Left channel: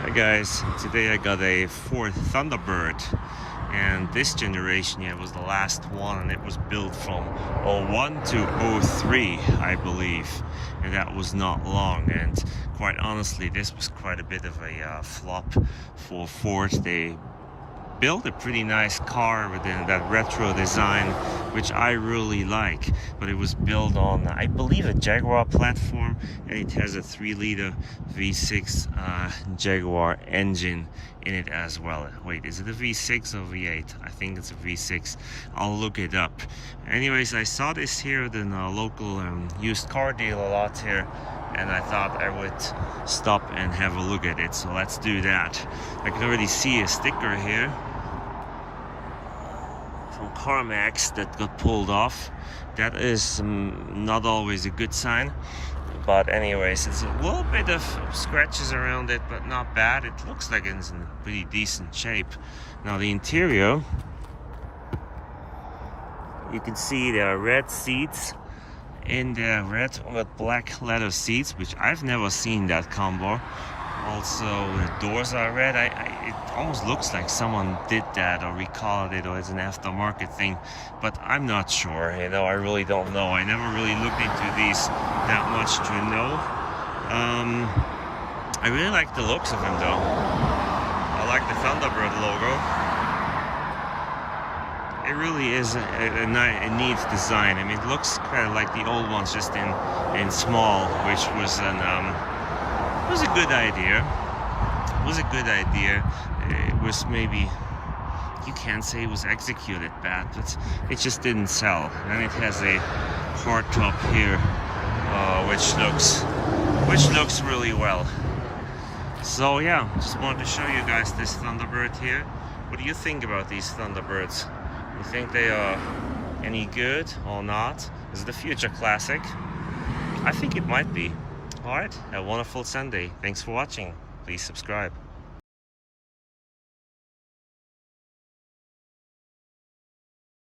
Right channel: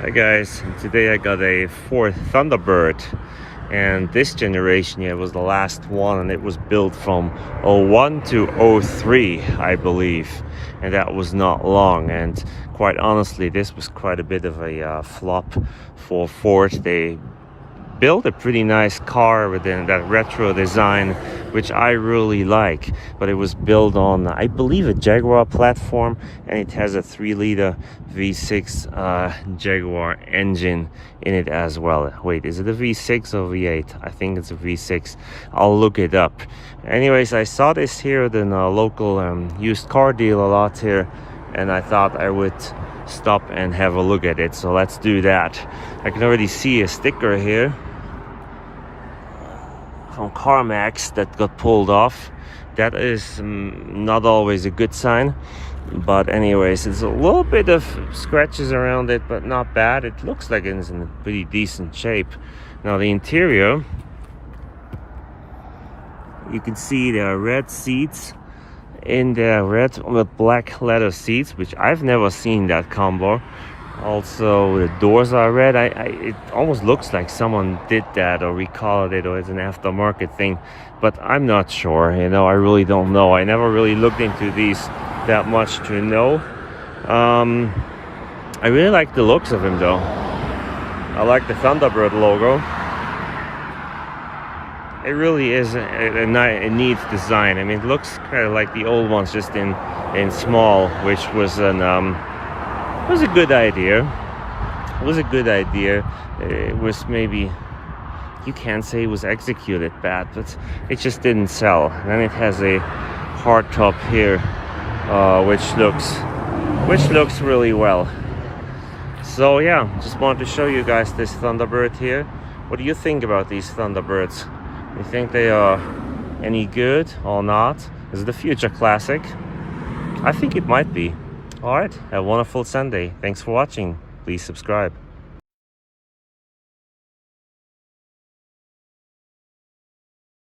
Hi guys, today I got a Ford Thunderbird, and this generation here was the last one, and it was built from '01 to '03, I believe, and that was not long. And quite honestly, this was quite a bit of a flop for Ford. They built a pretty nice car within that retro design, which I really like, but it was built on, I believe, a Jaguar platform, and it has a 3-liter V6 Jaguar engine in it as well. Wait, is it a V6 or V8? I think it's a V6. I'll look it up. Anyways, I saw this here at a local used car deal a lot here, and I thought I would stop and have a look at it, so let's do that. I can already see a sticker here from CarMax that got pulled off. That is not always a good sign, but anyways, it's a little bit of scratches around it, but not bad. It looks like it's in pretty decent shape. Now the interior, you can see there are red seats in there, red with black leather seats, which I've never seen that combo. Also, the doors are red. It almost looks like someone did that or recolored it, or it's an aftermarket thing, but I'm not sure. You know, I really don't know. I never really looked into these that much to know. I really like the looks of him though. I like the Thunderbird logo. It really is a neat design. I mean, it looks kind of like the old ones, just in small, which was was a good idea. It was a good idea. It was, maybe you can't say it was executed bad, but it just didn't sell. And then it has a hard top here, which looks really well. So yeah, just wanted to show you guys this Thunderbird here. What do you think about these Thunderbirds? You think they are any good or not? Is it a future classic? I think it might be. Alright, have a wonderful Sunday. Thanks for watching. Please subscribe.